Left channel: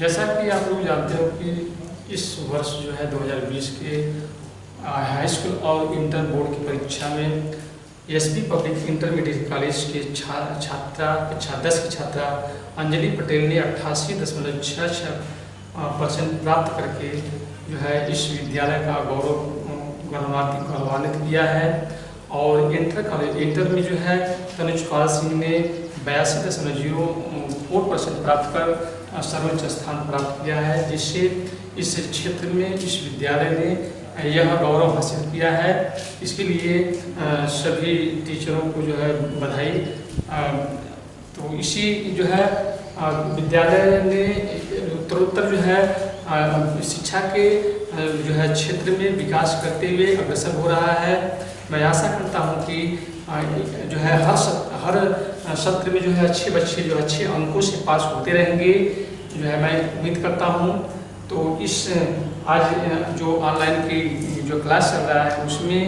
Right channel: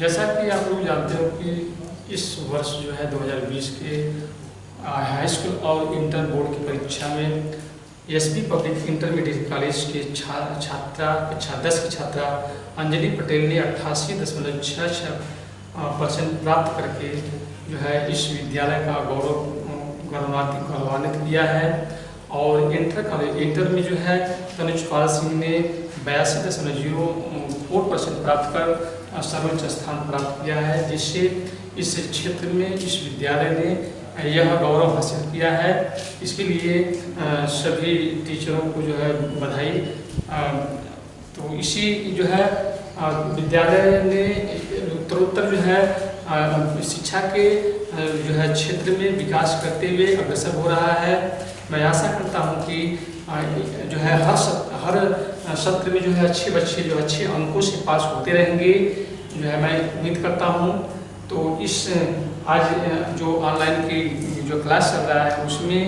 जैसा कि आप लोग जानते हो कि इस वर्ष जो है 2020 के हाई स्कूल और इंटर बोर्ड की परीक्षा में एसपी पब्लिक इंटरमीडिएट कॉलेज के छात्रा 10 की छात्रा अंजलि पटेल ने 88.66% प्राप्त करके जो है इस विद्यालय का गौरवान्वित किया है। और इंटर में जो है तनुज पाल सिंह ने 82.04% प्राप्त कर सर्वोच्च स्थान प्राप्त किया है, जिससे इस क्षेत्र में इस विद्यालय ने यह गौरव हासिल किया है। इसके लिए सभी टीचरों को जो है बधाई। तो इसी जो है विद्यालय ने उत्तरोत्तर जो है शिक्षा के जो है क्षेत्र में विकास करते हुए अग्रसर हो रहा है। मैं आशा करता हूँ कि जो है हर सत्र में जो है अच्छे बच्चे जो अच्छे अंकों से पास होते रहेंगे, जो है मैं उम्मीद करता हूँ। तो इस आज जो ऑनलाइन की जो क्लास चल रहा है उसमें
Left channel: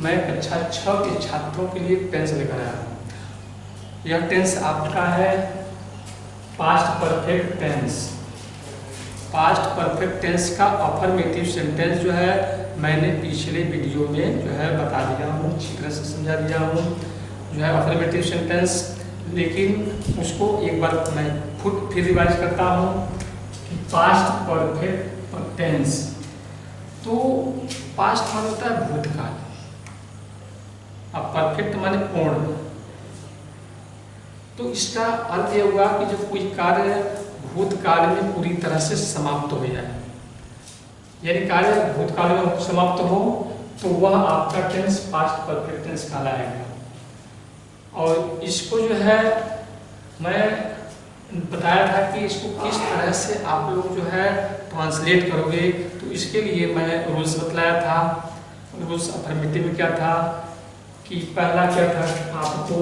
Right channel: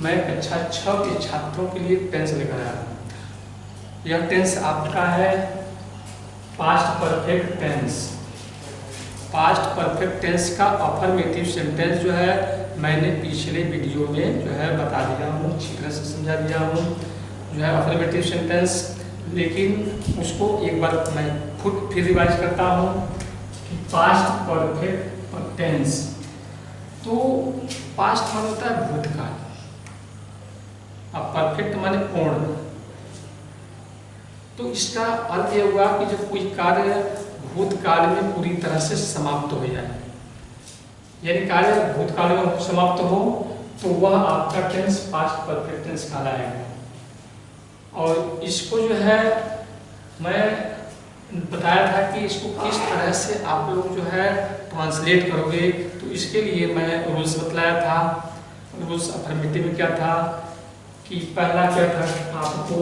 मैं कक्षा 6 के छात्रों के लिए टेंस लेकर आया हूँ। यह टेंस आपका है past perfect tense. Past perfect tense का अफर्मेटिव सेंटेंस जो है मैंने पिछले वीडियो में जो है बता दिया हूँ, अच्छी तरह से समझा दिया हूँ जो है अफर्मेटिव सेंटेंस। लेकिन उसको एक बार मैं फिर रिवाइज करता हूँ कि पास्ट परफेक्ट टेंस, तो पास्ट माने होता है भूतकाल, अब परफेक्ट माने पूर्ण। तो इसका अर्थ यह हुआ कि जब कोई कार्य भूतकाल में पूरी तरह से समाप्त हो जाए, यानी कार्य भूतकाल में समाप्त हो, तो वह आपका टेंस पास्ट परफेक्ट टेंस कहलाएगा। और इसको जो है मैं बताया था कि इसको किस तरह से आप लोग जो है ट्रांसलेट करोगे। तो इसके लिए मैं रूल्स बतलाया था। रूल्स अफर्मेटिव में क्या था कि पहला क्या था, आपको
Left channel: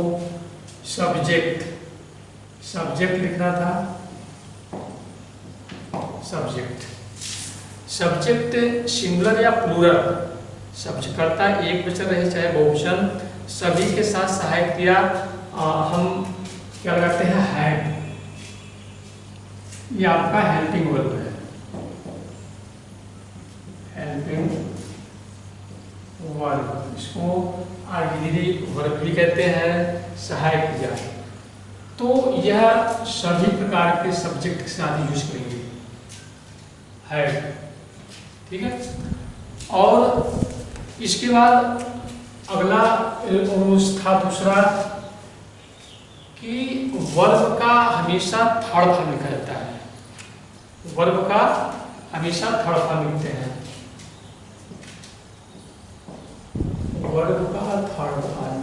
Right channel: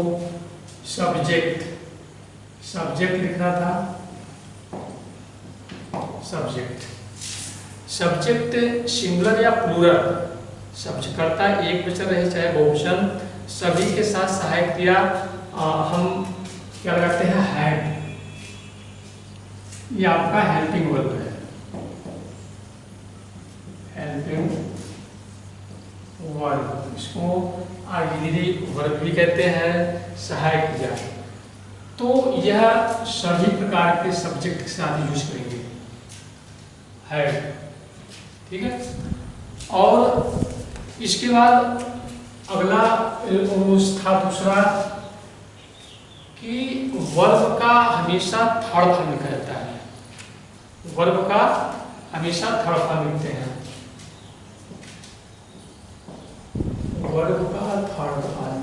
सब्जेक्ट लिखना था। सब्जेक्ट सिंगुलर या प्लूरल, सब्जेक्ट करता है एक वचन रहे चाहे बहुवचन, सभी के साथ सहायक क्रिया हम क्या लगाते हैं, हैड। ये आपका हेल्पिंग वर्ब है, हेल्पिंग वर्ब। इसको ऑक्सिलरी वर्ब भी कहते हैं, सहायक क्रिया। तो यह सभी प्रकार के सब्जेक्ट के साथ यूज करेंगे, है, ठीक है। और इसके बाद अगला था दूसरा कि वर्ब का हमेशा थर्ड फॉर्म लिखा जाता है। वर्ब का हमेशा थर्ड फॉर्म लिखते हैं, वर्ब का थर्ड फॉर्म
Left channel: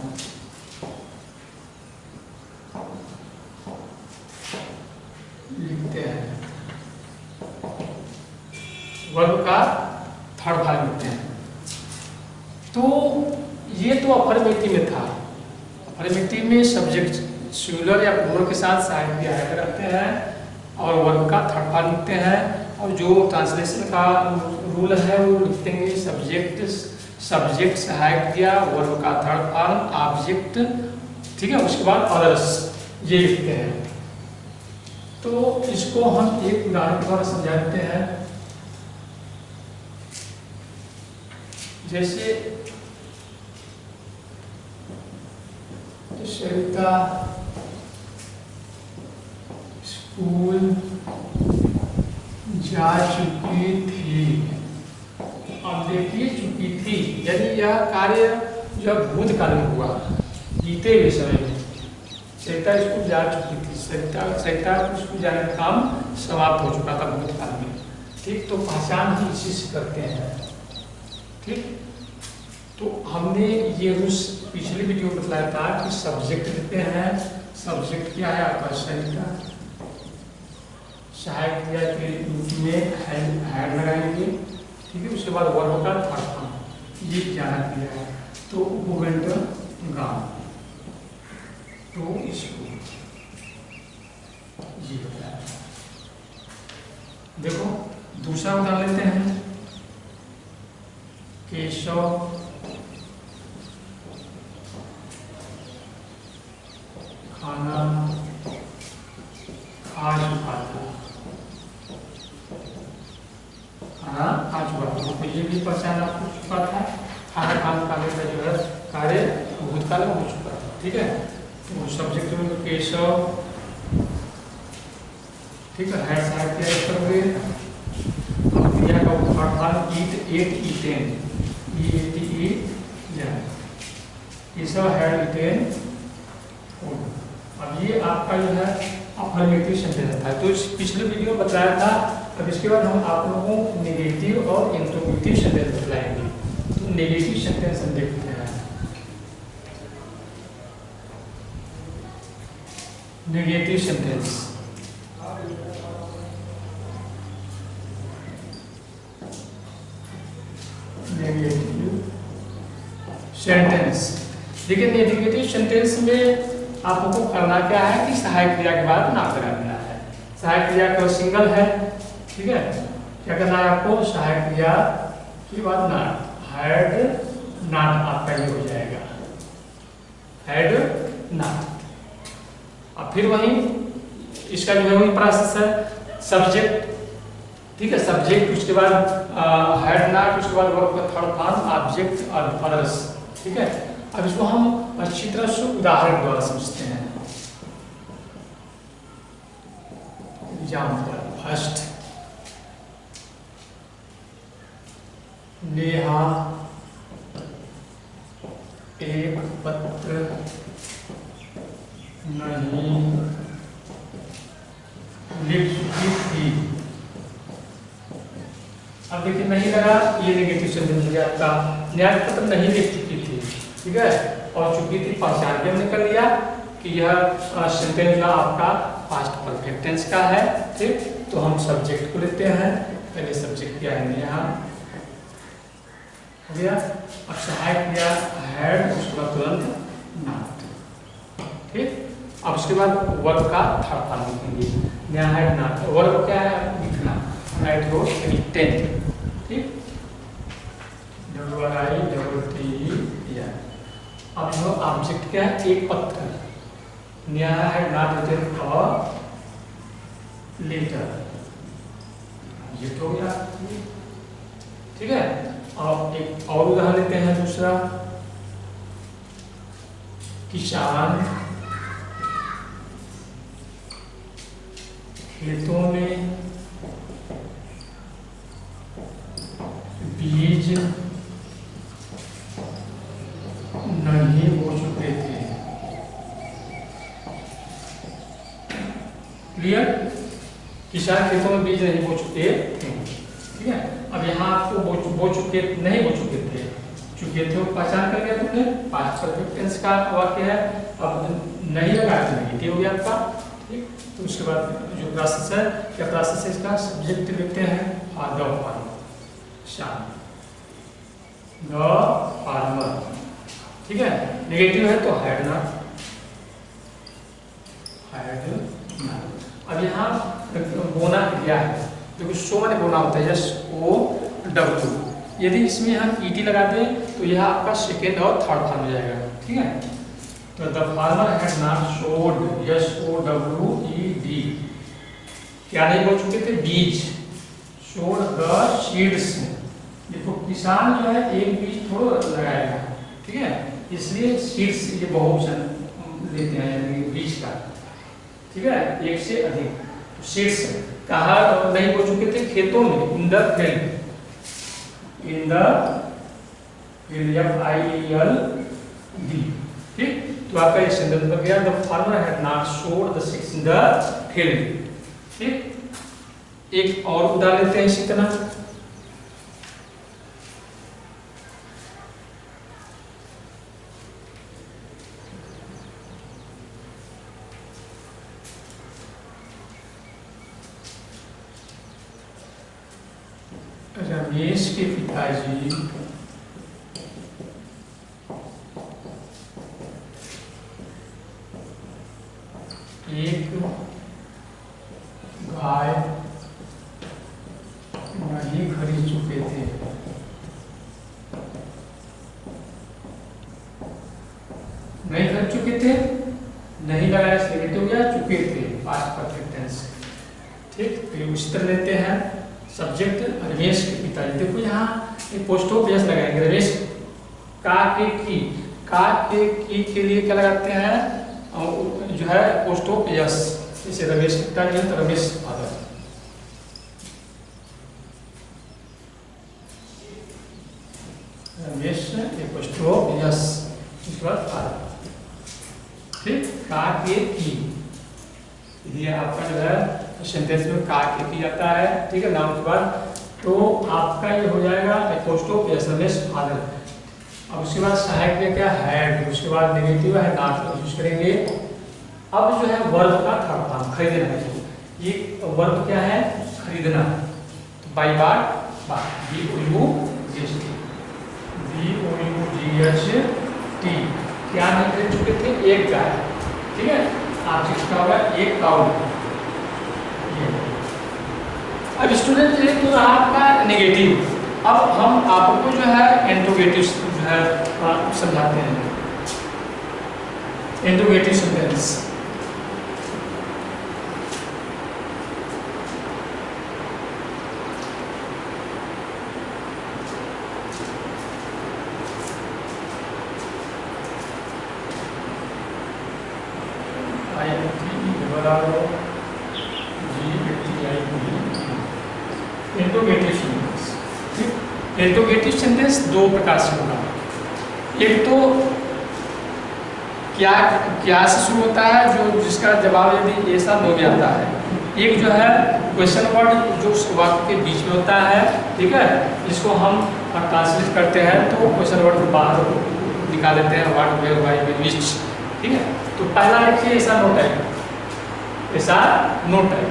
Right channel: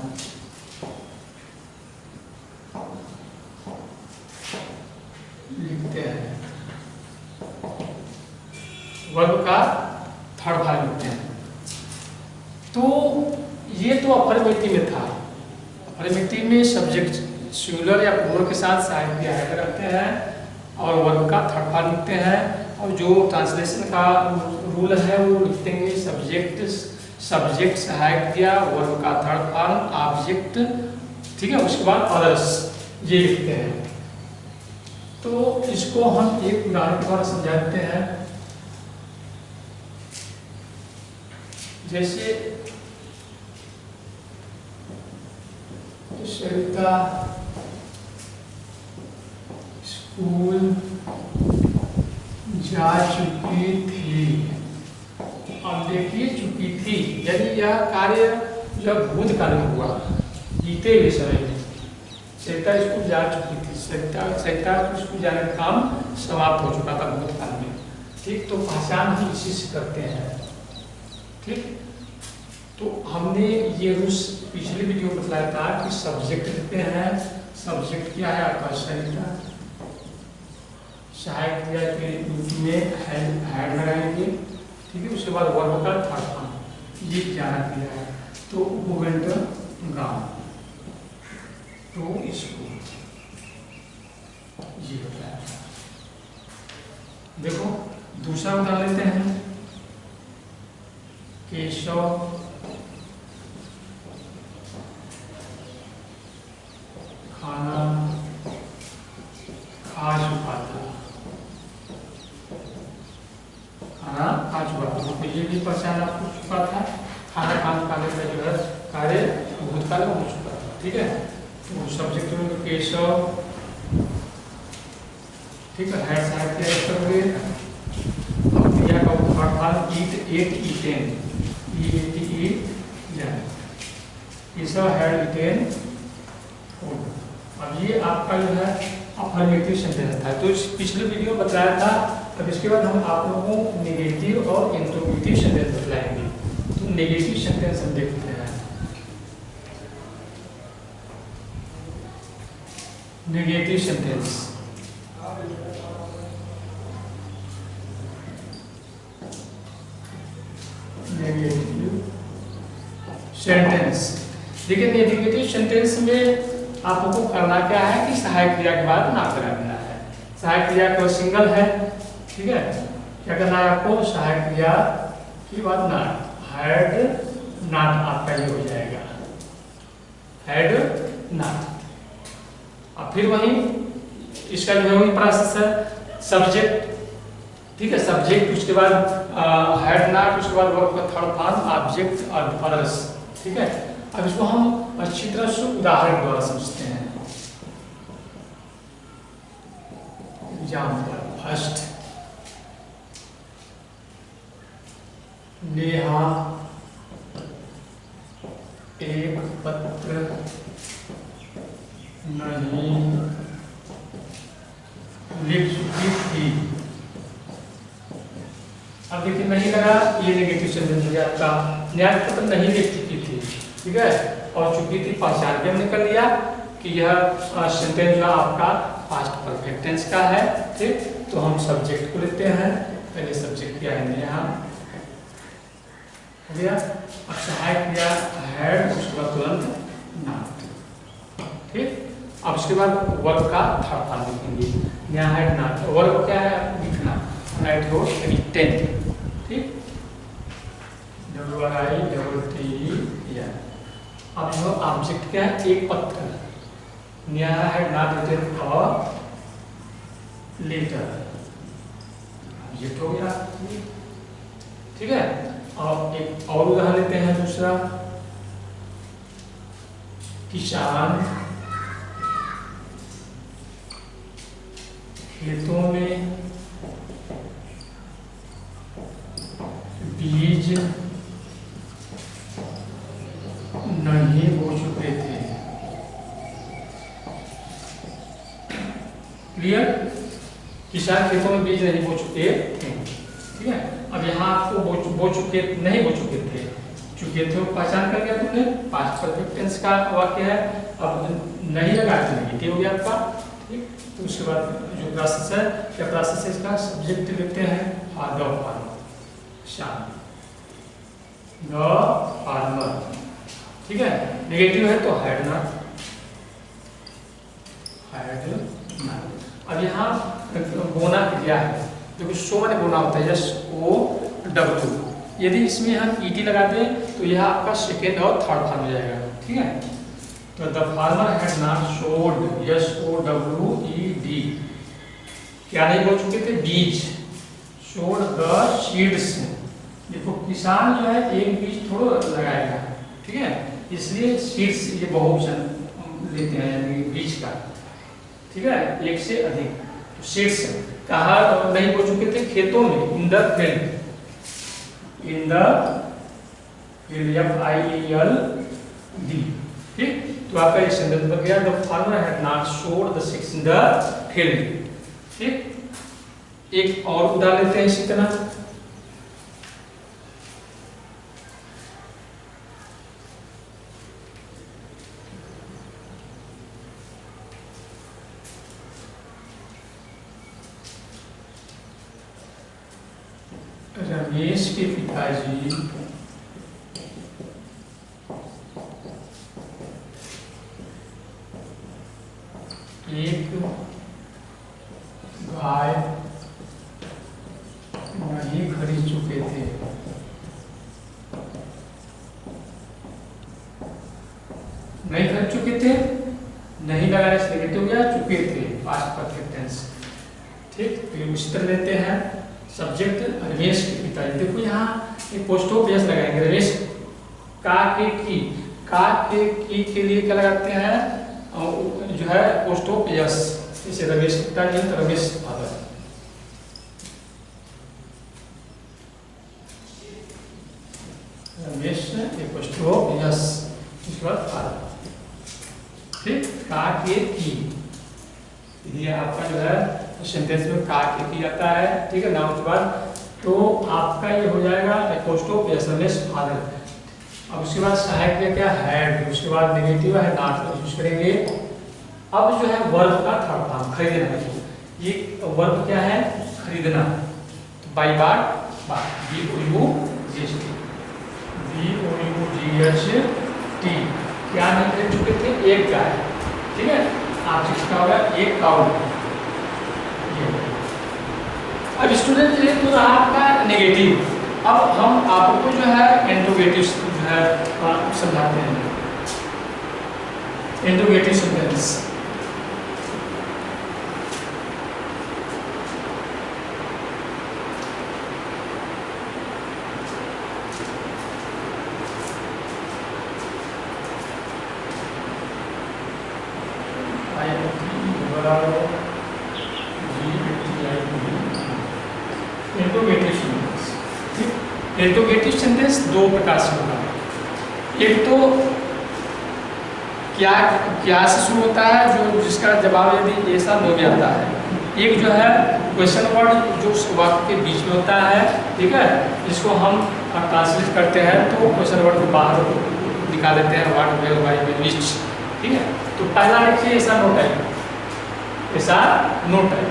लिखते हैं, वर्ब का थर्ड फॉर्म लिखते हैं। तो ये तो अफर्मेटिव में था। अफर्मेटिव में सब्जेक्ट सिंगुलर या प्लूरल के साथ सहायक क्रिया रखते हैं और वर्ब का थर्ड फॉर्म लिखते हैं। और जो ट्रांसलेशन का रूल है वो लिखते हैं सब्जेक्ट सहायक क्रिया, वर्ब का थर्ड फॉर्म, ऑब्जेक्ट, ठीक है। उसके बाद अदर्स ये लिखते हैं। तो इसको हम एक उदाहरण के द्वारा समझा देते हैं। जैसे सरिता स्कूल जा चुकी थी। अब देखिए चुकी थी, यानी यह कार्य जो भूतकाल में हुआ, बीते हुए समय में सरिता स्कूल जा चुकी थी। सरिता स्कूल जाने का काम समाप्त हो चुका था भूतकाल में, ठीक। तो पहचान ही इसी से करते हैं, ठीक। तो हमने ये रूल्स पिछले वीडियो में बताया था कि सब्जेक्ट लिखते हैं। सब्जेक्ट क्या है आपका, सरिता, सहायक क्रिया के में हैड लगाएंगे, ठीक है। उसके बाद वर्ब का थर्ड फॉर्म, ये जाना क्रिया है। तो उपवेंट गाँव, तो इसको ये बताया। देखो दूसरा उदाहरण लेते हैं। केशव खाना खा चुका था। वर्तमान, तो ये भी पहचान आपको चुका था। खाना काम काले का जो है कार्य भूतकाल में हो चुका था, ठीक है। तो सब्जेक्ट में तो केशव, ठीक है साहब क्या करोगे। अब क्रिया का उत्पादन eat, ate, eaten, Keshav had eaten food. अब ये आपका जो है अफर्मेटिव सेंटेंस था, तो इस पिछले वीडियो में बताया था। अब इसके बाद हम आप लोगों को नेगेटिव और इंट्रोगेटिव सेंटेंस बताएंगे। तो नेगेटिव सेंटेंस हम देखते हैं। नेगेटिव सेंटेंस, नेगेटिव सेंटेंस देखिए, नेगेटिव सेंटेंस में आपको करना क्या है कि सहायक क्रिया के बाद नाम लगाना है। सहायक क्रिया का सिंगल है, ठीक है। क्या करना है आपको, सहायक क्रिया के बाद नाम, हैड नॉट आपका ये हो जाएगा, हैड नॉट। अब फिर वही इसका जो है वही प्रोसेस है, सब्जेक्ट, ठीक है, सब्जेक्ट, उसके बाद हैड नॉट, उसके बाद वर्ब का थर्ड फॉर्म ऑब्जेक्ट और अदर्स, ठीक है। अब इसको हम अच्छी तरह से उदाहरण द्वारा समझते हैं। एग्जाम्पल फर्स्ट, नेहा एक पत्र नहीं लिख चुकी थी। अब देखिए नहीं लगा, ये नेगेटिव सेंटेंस हो गया आपका। न्याय पत्र नहीं लिख चुकी थी, ठीक है, और चुकी थी पहचान के हमने कर लिया कि यह सेंटेंस जो आपका पास्ट परफेक्ट टेंस का है, ठीक। तो हम सब्जेक्ट को लेते हैं, पहले सब्जेक्ट क्या है यहाँ हो गया। अब सहायक क्रिया हैड, उसके बाद तुरंत नॉट, ठीक। अब उसके बाद वर्ब का थर्ड फॉर्म लिखेंगे, यहाँ हैड नॉट। वर्ब क्या है, लिखना, राइट हो टेन, ठीक। अब जो ऑब्जेक्ट क्या है, एक पत्र, न्याय had not written a letter, object हो गया, ठीक है। और एक और उदाहरण लेते हैं दूसरा, किसान खेतों में बीज नहीं बो चुके थे। क्लियर, किसान खेतों में बीज नहीं बो चुके थे, ठीक है। अब यहाँ आपको बो चुके नहीं बो चुके थे, चुके थे पहचान कर लिया तुमने, पास्ट परफेक्ट टेंस का वाक्य है। अब नहीं लगा तो नेगेटिव हो गया आपका, ठीक। तो उसके बाद जो प्रोसेस है, क्या प्रोसेस है इसका, सब्जेक्ट लेते हैं द फार्मर, शाम द फार्मर, ठीक है। नेगेटिव है तो हैड नॉट, हैड नॉट। अब यहाँ बोना क्रिया है, देखो शो मैंने बोना होता है, यस ओ डब्ल्यू। यदि इसमें हम ईटी लगाते हैं तो यह आपका सेकेंड और थर्ड फॉर्म हो जाएगा, ठीक है। तो the farmer had not sowed, S O W E D, क्या नहीं बोल चुके थे, बीज, सोड द सीड्स। देखो किसान जो है एक बीज थोड़ा लगाएगा, ठीक है, इसलिए सीड्स ये बहुवचन लेते हैं, यानी बीज का, ठीक है, एक से अधिक। तो सीड्स कहा नहीं बोल चुके थे, खेतों में, in the field, in the field, FIELD, ठीक। तो आपका ये सेंटेंस बन गया, द फार्मर हैड नॉट सोड the seeds in the field, ठीक। एक और उदाहरण लेते हैं इसी तरह, रमेश के पिताजी एक गाय नहीं खरीद चुके थे। नहीं खरीद चुके थे, नहीं लगाने से नेगेटिव हो गया, चुके थे पास्ट परफेक्ट टेंस, ठीक। तो उसी तरह लेते हैं सब्जेक्ट रमेश के पिताजी। देखो यहाँ एक पोस्ट ऑफ यस लगाएंगे, रमेश का के लिए क्या लगाते हैं, जो है पोस्ट ऑफ यस। जैसे रमेश के पिताजी तो Ramesh father, Ramesh post of yes, इसके बाद फादर। ठीक, का के की, ये आपका जो है सेंटेंस में का के की आता है। ठीक है, नाउन के बाद तो आपका ये हो जाएगा post of yes Ramesh father. अब उसके बाद सहायक क्रिया क्या हैड, उसके बाद नेगेटिव है नॉट यूज करेंगे। अब जो है वर्ब का थर्ड फॉर्म खरीदना है, ये वर्ब क्या है, खरीदना। तो बाई बाट BOUGHT क्या नहीं खरीद चुके थे, एक गाय। ठीक है, आप जिसका होगा एक काउ। अब स्टूडेंट ये तो रहा आपका नेगेटिव। अब हम आपको जो है इंट्रोगेटिव जो है समझाते हैं। इंट्रोगेटिव सेंटेंस इंट्रोगेटिव सेंटेंस दो प्रकार से होगा। एक तो क्या से शुरू होता है, जो जिसका जवाब यदि ऐसा नो में आता है। एक जो है क्वेश्चन वर्ड जो वाक्य के बीच में होता है। ठीक है, जिसको हम ट्रांसलेट करते हैं तो क्वेश्चन वर्ड को बाहर निकाल देते हैं, what where why where which. ठीक है, तो पहला देखिए ऐसा नो टाइप, ऐसा नो टाइप।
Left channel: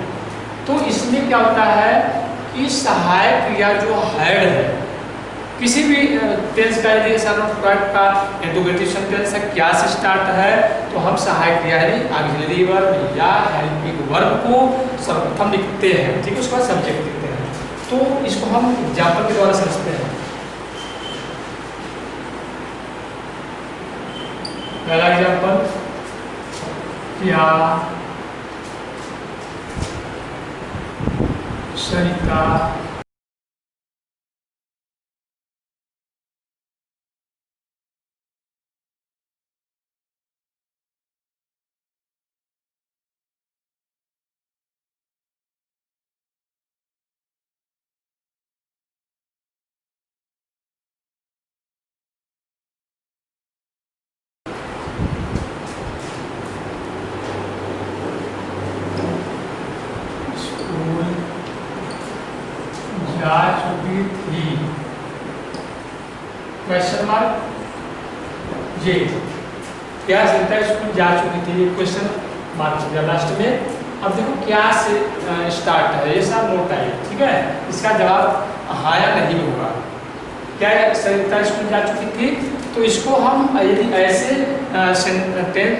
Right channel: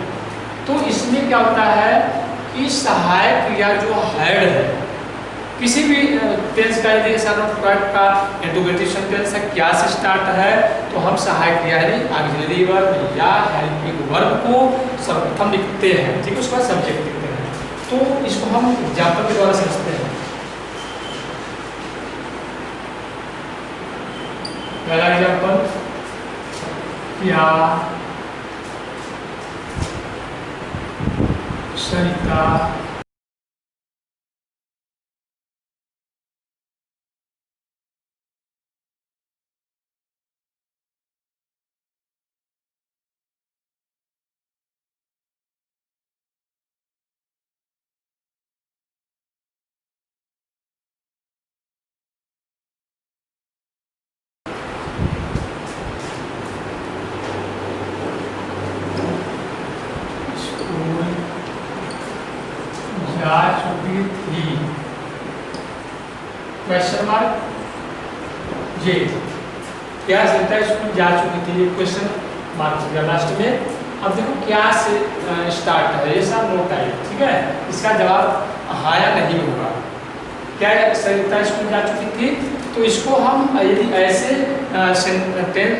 तो इसमें क्या होता है कि सहायक क्रिया जो हैड है, किसी भी टेंस का यदि ऐसा नोट का इंट्रोगेटिव सेंटेंस है, क्या से स्टार्ट है, तो हम सहायक क्रिया यानी ऑक्सिलरी वर्ब या हेल्पिंग वर्ब को सर्वप्रथम लिखते हैं। ठीक है, उसके बाद सब्जेक्ट लिखते हैं। तो इसको हम एग्जाम्पल के द्वारा समझते हैं। पहला एग्जाम्पल, क्या सरिता जा चुकी थी, क्वेश्चन मार्क ये क्या सरिता स्कूल जा चुकी थी, ये क्वेश्चन मार्क हो गया लास्ट में। अब देखो क्या से स्टार्ट है, ये सब नोट है। ठीक है, इसका जवाब हाँ या नहीं होगा। क्या सरिता स्कूल जा चुकी थी, तो इसको हम यदि ऐसे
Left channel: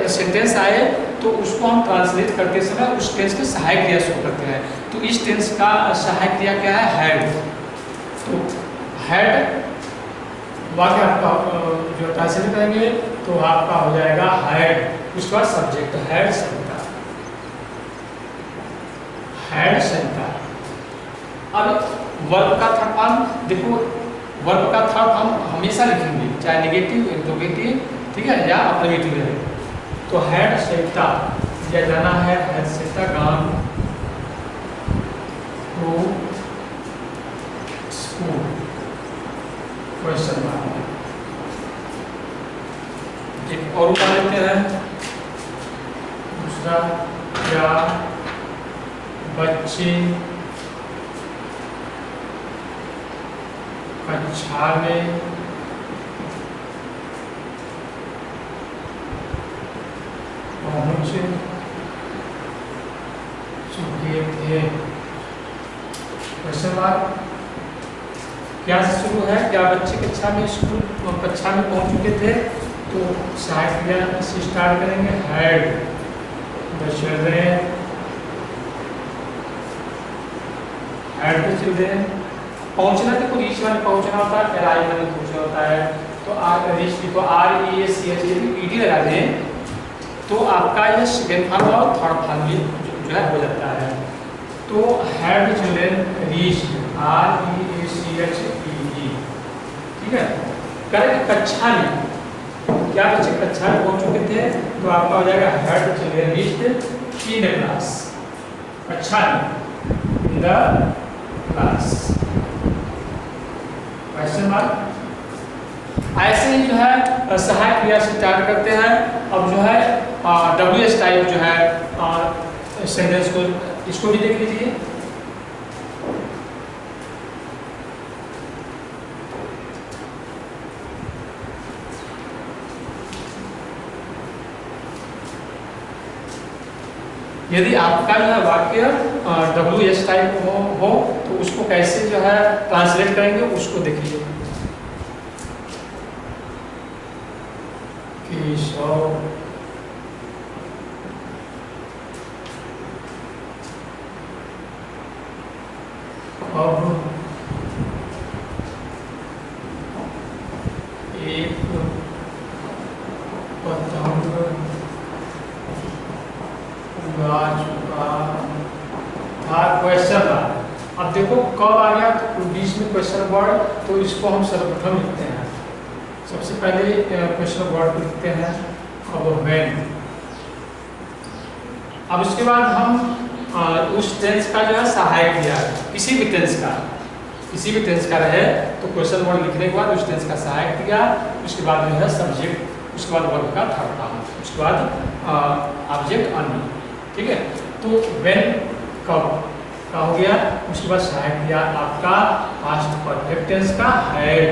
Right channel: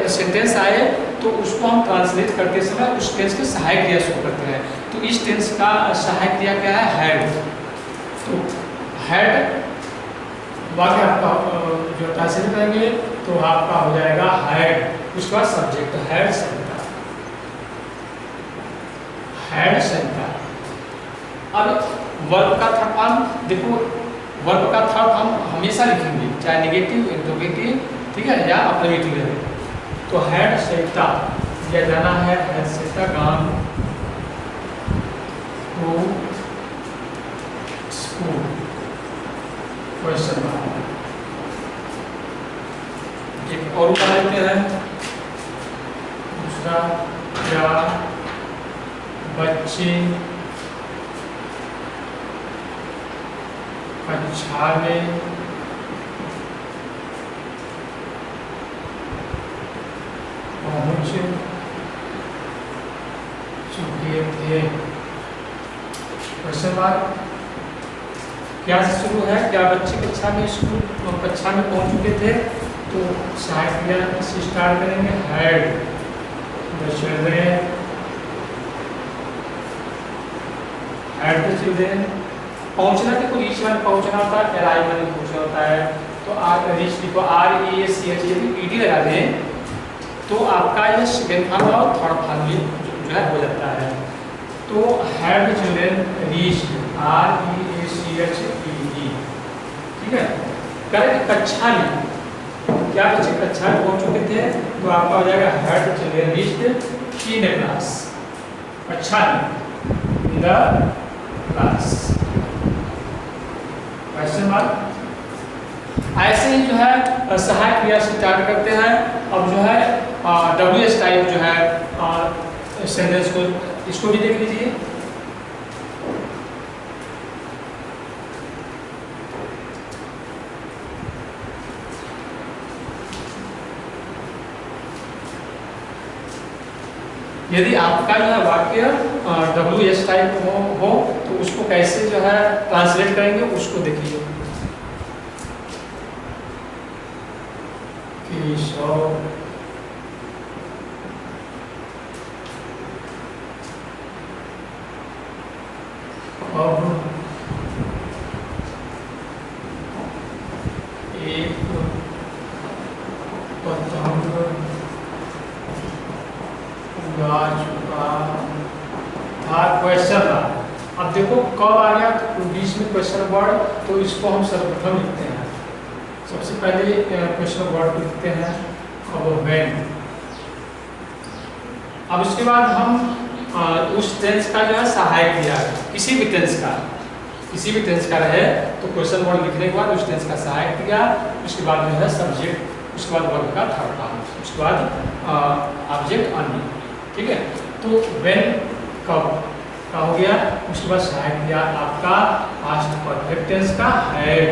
सेंटेंस आए तो उसको हम ट्रांसलेट करते समय उस टेंस के सहायक क्रिया शो करते हैं। तो इस टेंस का सहायक क्रिया क्या है, हैड। तो हैड वाक्य आपका जो ट्रांसलेट करेंगे तो आपका हो जाएगा हैड, उसके बाद सब्जेक्ट हैड सरिता, हैड सरिता। अब वर्ब का थर्ड फॉर्म देखो, वर्ब का थर्ड फॉर्म हमेशा लिखेंगे, चाहे नेगेटिव इंट्रोगेटिव, ठीक है, या अफर्मेटिव है। तो हैड सरिता दिया जाना है, had Sarita gone to school, question mark. एक और उदाहरण लेते हैं, दूसरा, क्या बच्चे कक्षा में पहुंच चुके थे, क्वेश्चन मार्क। क्या से शुरू है, क्या बच्चे कक्षा में पहुंच चुके थे, तो सहायक क्रिया से स्टार्ट करेंगे, had the children, had the children. पहुंचना देखो रीच में पहुंचना होता है, अराइव में पहुंचना होता है। तो रीच देखो REACH, यदि ED लगा दें तो आपका ये सेकेंड फॉर्म और थर्ड फॉर्म जो है हो जाता है। तो had the children reached, REACHED, ठीक है। करेक्ट। कक्षा में क्या बच्चे कक्षा में पहुंच चुके थे, तो आपका हो जाएगा had children reached in the class, कक्षा में, in the class, question mark. ऐसे ही जो है सहायक क्रिया से स्टार्ट करते हैं। अब जो है WH टाइप जो है सेंटेंस को, इसको भी देख लीजिए। यदि आपका जो है वाक्य WH टाइप हो तो उसको कैसे जो है ट्रांसलेट करेंगे, उसको देखिए। केशव अब एक पतंग उड़ा चुका था, क्वेश्चन था। अब देखो कब आ गया, तो बीच में क्वेश्चन वर्ड, तो इसको हम सर्वप्रथम लिखते हैं। सबसे पहले क्वेश्चन वर्ड को लिखते हैं, अब व्हेन। अब उसके बाद हम उस टेंस का जो है सहायक क्रिया, किसी भी टेंस का रहे तो क्वेश्चन वर्ड लिखने के बाद उस टेंस का सहायक क्रिया, उसके बाद जो है सब्जेक्ट, उसके बाद वर्ब का थर्ड फॉर्म, उसके बाद ऑब्जेक्ट अन्य, ठीक है। तो व्हेन कब का हो गया, उसके बाद सहायक क्रिया आपका पास्ट परफेक्ट टेंस का हैड,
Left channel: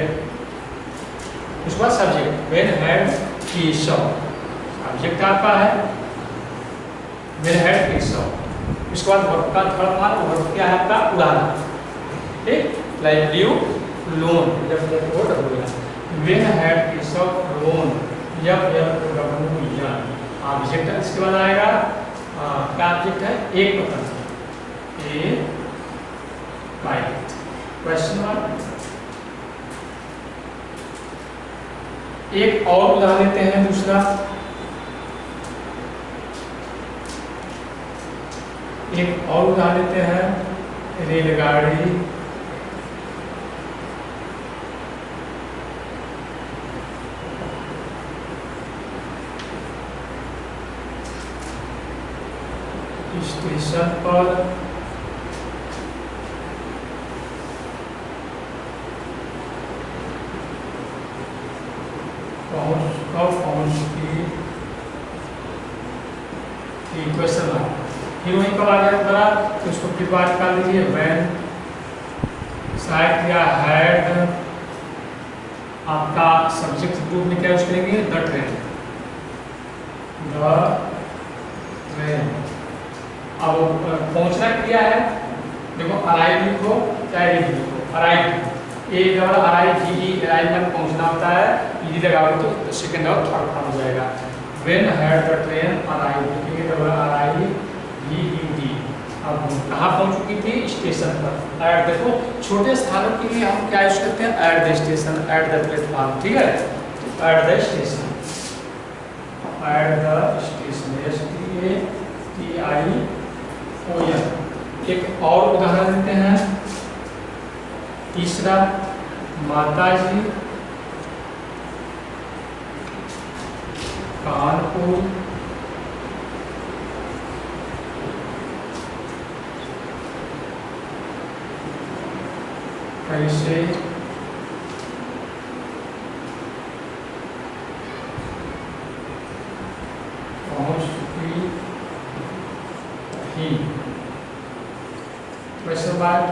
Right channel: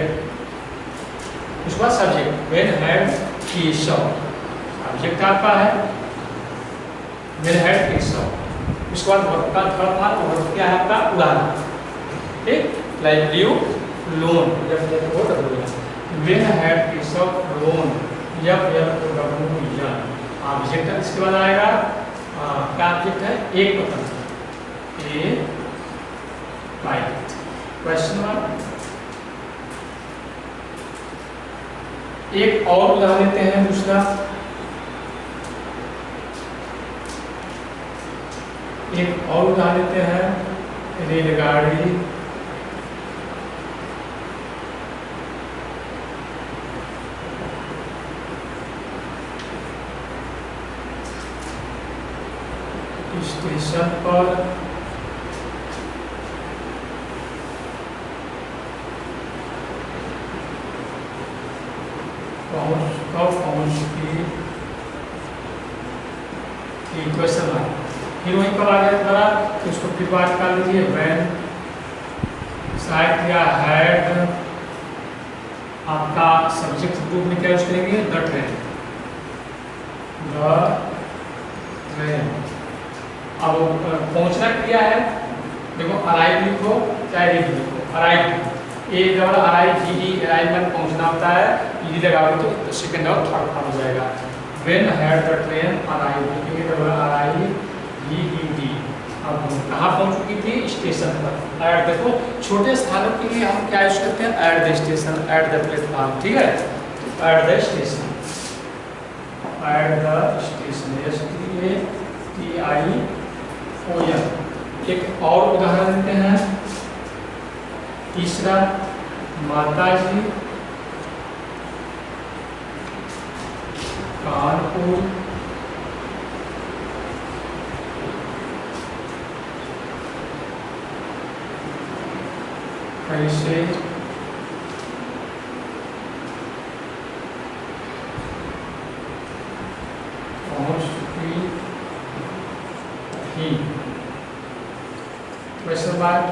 उसके बाद subject when had Keshav, subject आपका है व्हेन हैड केशव, उसके बाद वर्ब का थर्ड फॉर्म, वर्ब क्या है आपका उड़ाना, ठीक। लाइक ल्यू लोन, जब वो W when had Keshav loan, जब ऑब्जेक्ट इसके बाद आएगा क्या ऑब्जेक्ट है, एक पतंग, ए बाइट, क्वेश्चन मार्क। एक और उदाहरण लेते हैं, दूसरा एक और उदाहरण लेते हैं, रेलगाड़ी स्टेशन पर पहुंचती थी, क्वेश्चन मार्क। फिर वहीं कब आ गया दोबारा, तो उसको फिर बात कर लीजिए, व्हेन सहायक क्रिया हैड, आपका सब्जेक्ट ग्रुप में क्या यूज करेंगे, द ट्रेन, अब पहुंचना क्रिया है, देखो अराइव लिखो चाहे रीड लिखो, अराइव अराइवमेंट पहुंचना होता है, ईडी लगाओगे तो सेकंड और थर्ड फॉर्म हो जाएगा। When had the train arrive, arrive ED, अब कहाँ पहुंच चुकी थी, स्टेशन पर। एट, देखो छोटे स्थानों के लिए हम क्या यूज करते हैं, at the station, at the platform, ठीक है। At the station, STATION। एक और उदाहरण देते हैं, तीसरा, माताजी कानपुर कैसे पहुंच चुकी थी, क्वेश्चन मार्क।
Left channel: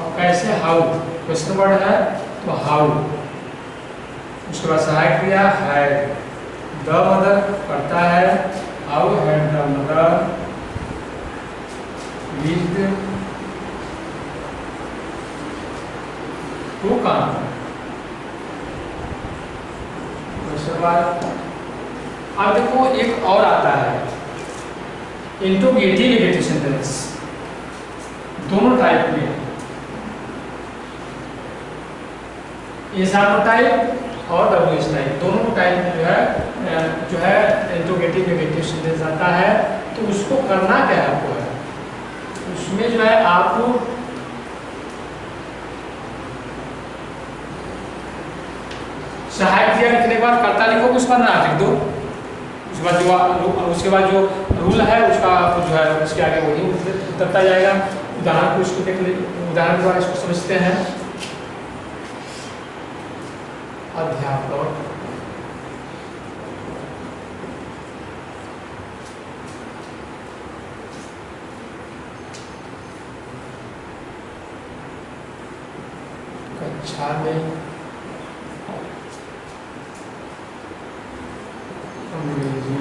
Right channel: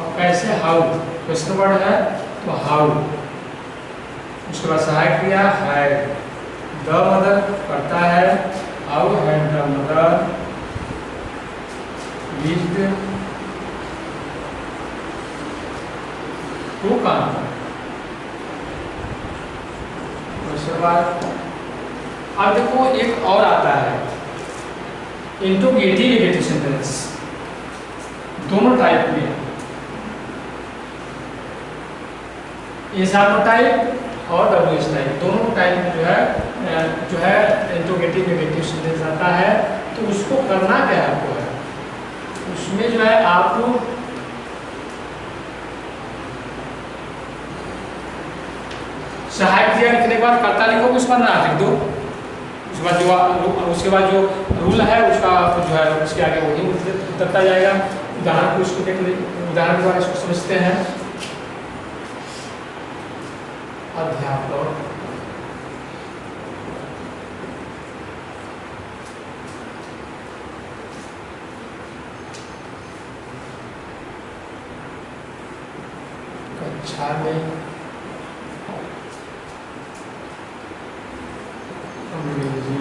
और कैसे, हाउ, क्वेश्चन वर्ड है तो हाउ, उसके बाद सहायक क्रिया हैड, द मदर करता है, how had the mother reached to Kanpur, question mark. अब देखो एक और आता है, इंट्रोगेटिव नेगेटिव सेंटेंस, दोनों टाइप में, एग्जाम्पल टाइप और WH टाइप, दोनों टाइप में जो है इंट्रोगेटिव नेगेटिव सेंटेंस आता है। तो उसको करना क्या है आपको है, उसमें जो है आप रहेगा लिखने के बाद कर्ता लिखोगे, उसके बाद नाट लिख दो। उसके बाद जो रूल है उसका जो है उसके आगे वही उतरता जाएगा। उदाहरण को इसको देख ले, उदाहरण के द्वारा इसको समझते हैं। अध्यापक कक्षा में अंग्रेजी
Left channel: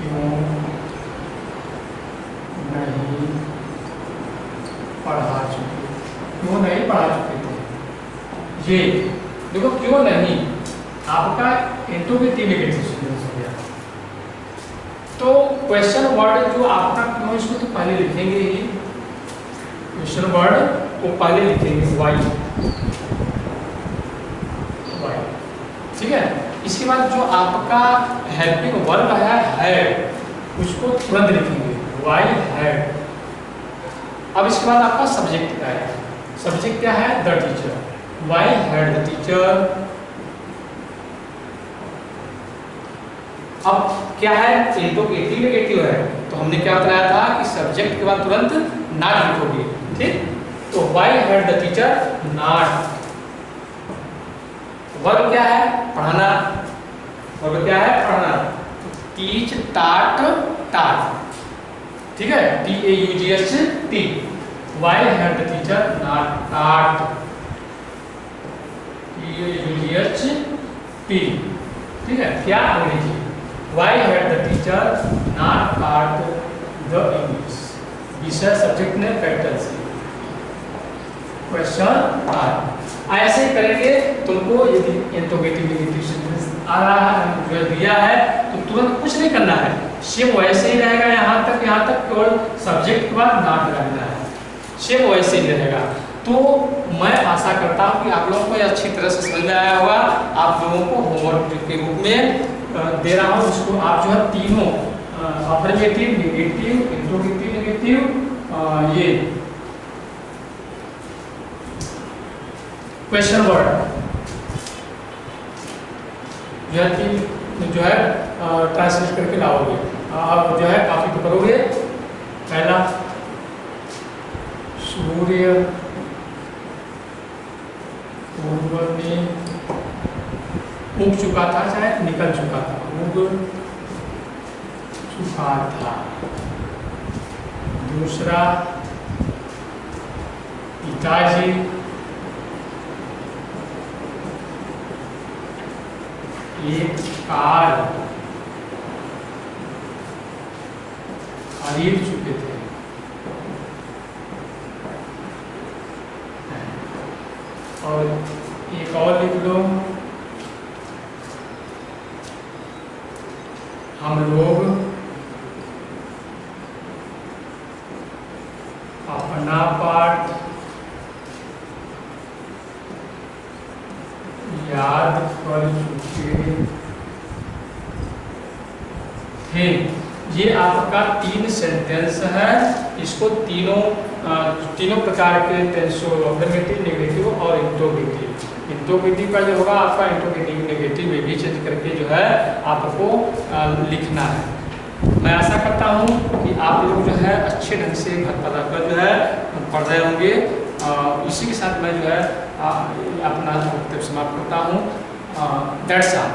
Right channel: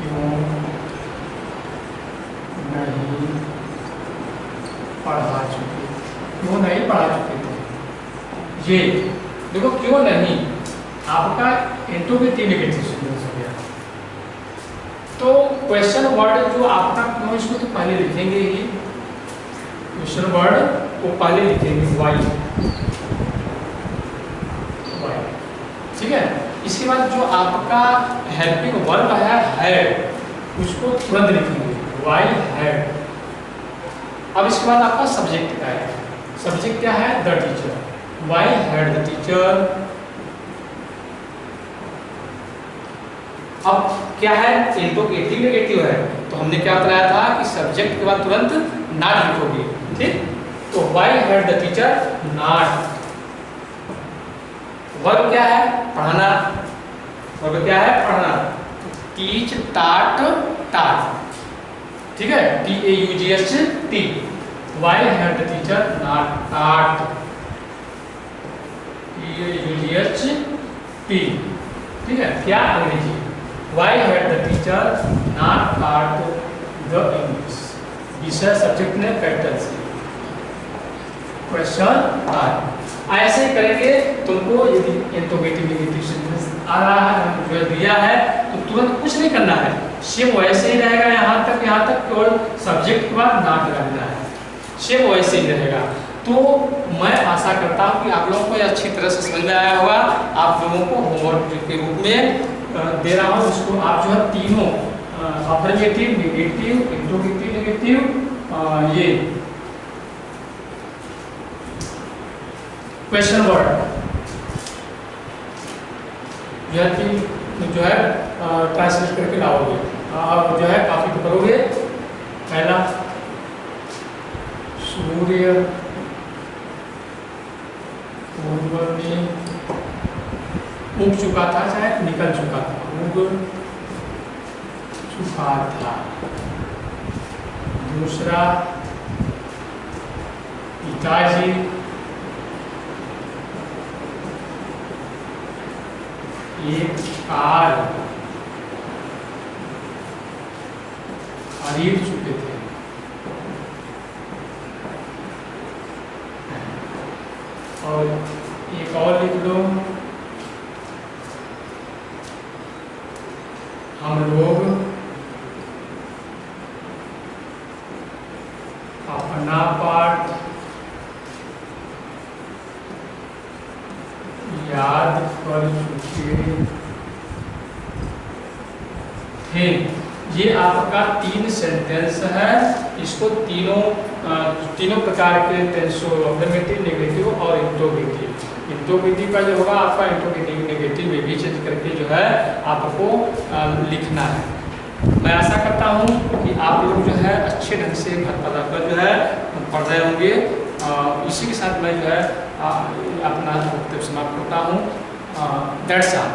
क्यों नहीं पढ़ा चुके, क्यों नहीं पढ़ा चुके थे। ये देखो क्यों नहीं, आपका इंट्रोगेटिव नेगेटिव सेंटेंस हो गया। तो क्वेश्चन वर्ड जो आपका क्यों, इसको तो पहले लिखेंगे ही, क्वेश्चन वर्ड को पहले लिखेंगे वाई, ठीक है। इसके बाद जो आपका हेल्पिंग वर्ब है उसको तुरंत लिखेंगे वाई हैड। अब इसके बाद आपका सब्जेक्ट क्या है, सब्जेक्ट क्या है, the teacher, why had the teacher. अब क्या है, इंट्रोगेटिव नेगेटिव है, तो हमने क्या बताया था कि सब्जेक्ट के बाद तुरंत नॉट लिखोगे, ठीक। तो why had the teacher not. Verb क्या है, पढ़ाना, वर्ब क्या है, पढ़ाना, टीच टाट टाट, ठीक है, TAUGHT। Why had the teacher not taught, TAUGHT, ठीक है, क्या Angrezi. Why had the teacher not taught the English. विषय सब्जेक्ट ने कैपिटल से। क्वेश्चन आर ऐसे ही करेंगे। तुमको यदि इंट्रोगेटिव नेगेटिव सेंटेंस आ रहा है, जो दिया है, तो तुरंत कुछ नहीं करना है, सेम वैसे ही रहेगा। यहाँ तक केवल सब्जेक्ट के बाद नॉट लगाना है, सेम वैसे ही रहेगा। तो मैं आशा करता हूँ कि आप लोगों को अच्छी तरह से समझ में आया होगा। आप लोगों को होमवर्क के रूप में दे रहा हूँ, उसको आप जो है तीनों अफर्मेटिव, नेगेटिव, इंट्रोगेटिव नेगेटिव, ये क्वेश्चन वर्ड जो है ट्रांसलेट करके लाओगे। आप जो है कॉपी तो करोगे। पहला, सूर्य पूर्व में उग चुका था, चाहे निकल चुका था, उग चुका था। दूसरा, पिताजी एक कार खरीद चुके थे। और एक और लिख लो, हम लोग अपना पाठ याद कर चुके थे। ये आपका 3 सेंटेंस है। इसको तीनों प्रकार के टेंसों, अफर्मेटिव, नेगेटिव और इंट्रोगेटिव। इंट्रोगेटिव का जो होगा आपका इंट्रोगेटिव नेगेटिव में भी चेंज करके जो है आपको लिखना है। मैं आशा करता हूँ कि आप लोग जो है अच्छे ढंग से घर पर रहकर जो है पढ़ रहे होंगे। इसी के साथ मैं जो है अपना वक्तव्य समाप्त करता हूँ। That's all.